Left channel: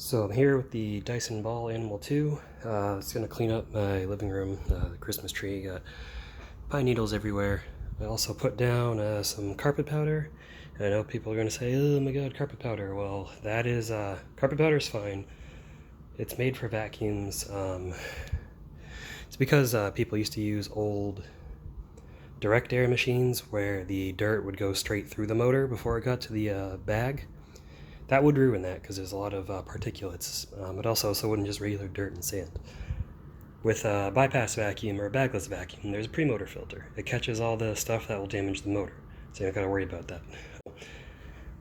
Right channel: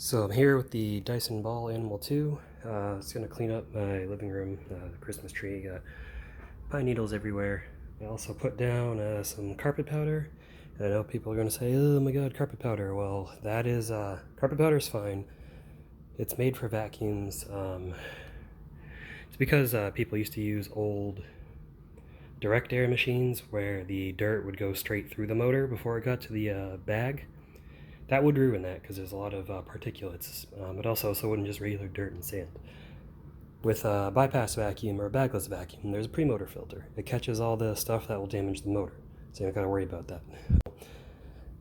So I'm here with the Dyson Ball Animal 2. It's going to clean up my living room, the Christmas tree. Got pine needles everywhere. I also put down some carpet powder. And I know people are going to say, oh my god, carpet powder. Well, that is, carpet powder is fine. It's made for vacuums. It's because people used to use old direct air machines where the dirt would go straight through the motor before it got to the bag. That would ruin that because there's a lot of particulates, but also so wouldn't just regular dirt and sand. With a bypass vacuum or a bagless vacuum, there's a pre-motor filter. It catches all the stuff that will damage the motor, so you don't gotta worry about that.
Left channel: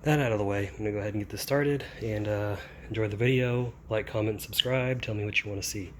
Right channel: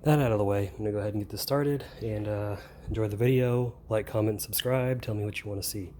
That out of the way, I'm gonna go ahead and get this started, and enjoy the video, like, comment, and subscribe, tell me what you want to see.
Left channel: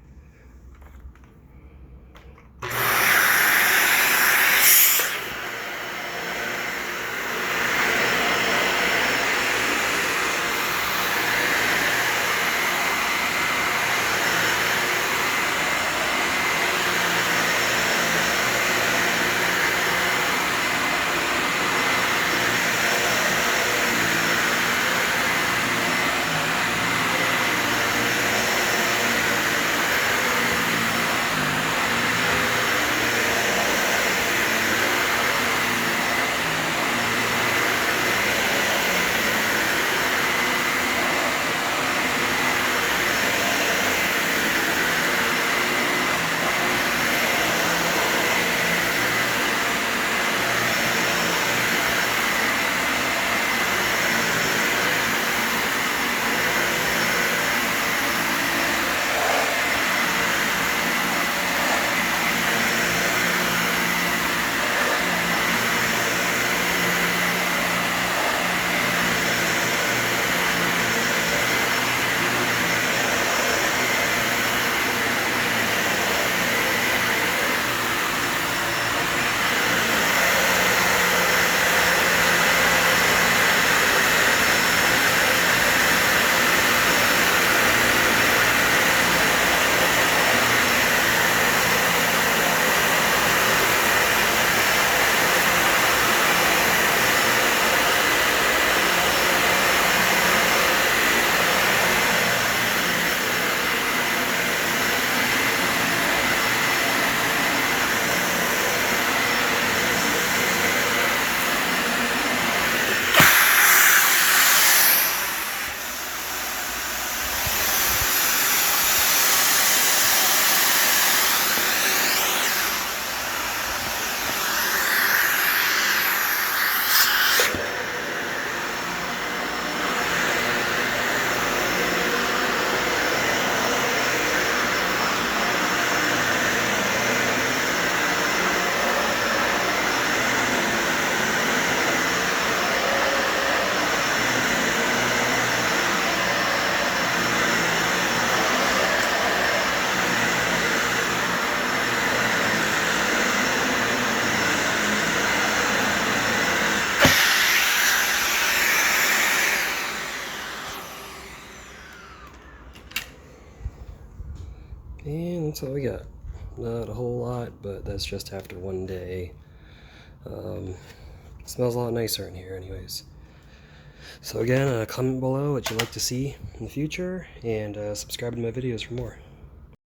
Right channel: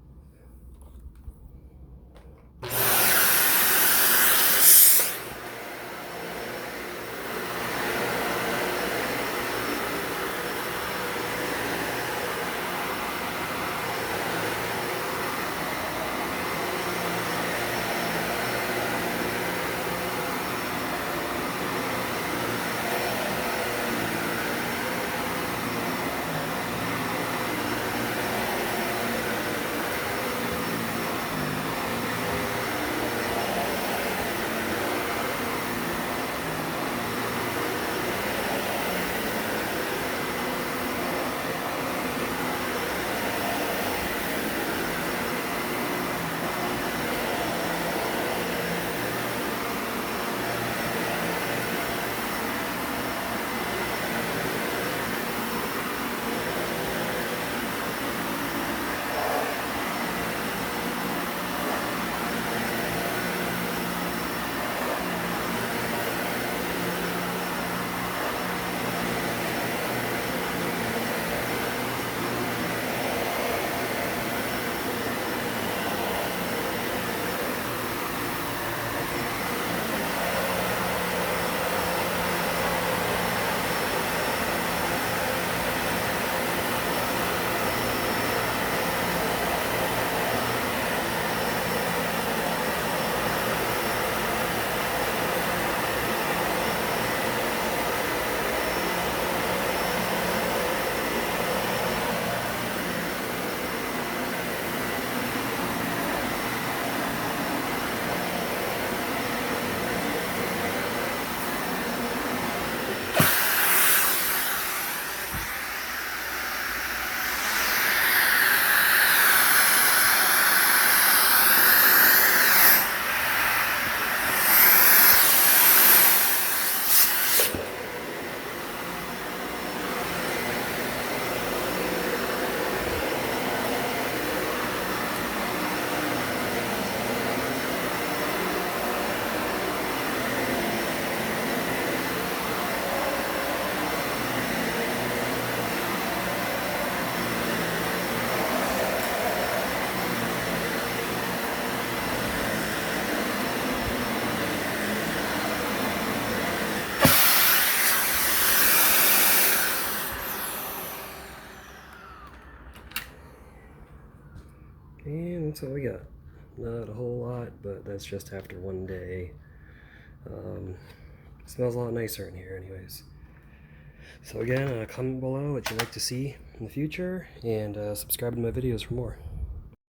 And that's all we got. Not a whole lot, but that's just after one day. Smells a lot nicer in here anyways. So again, comment below what you'd like to see in the future, and subscribe to my videos for more.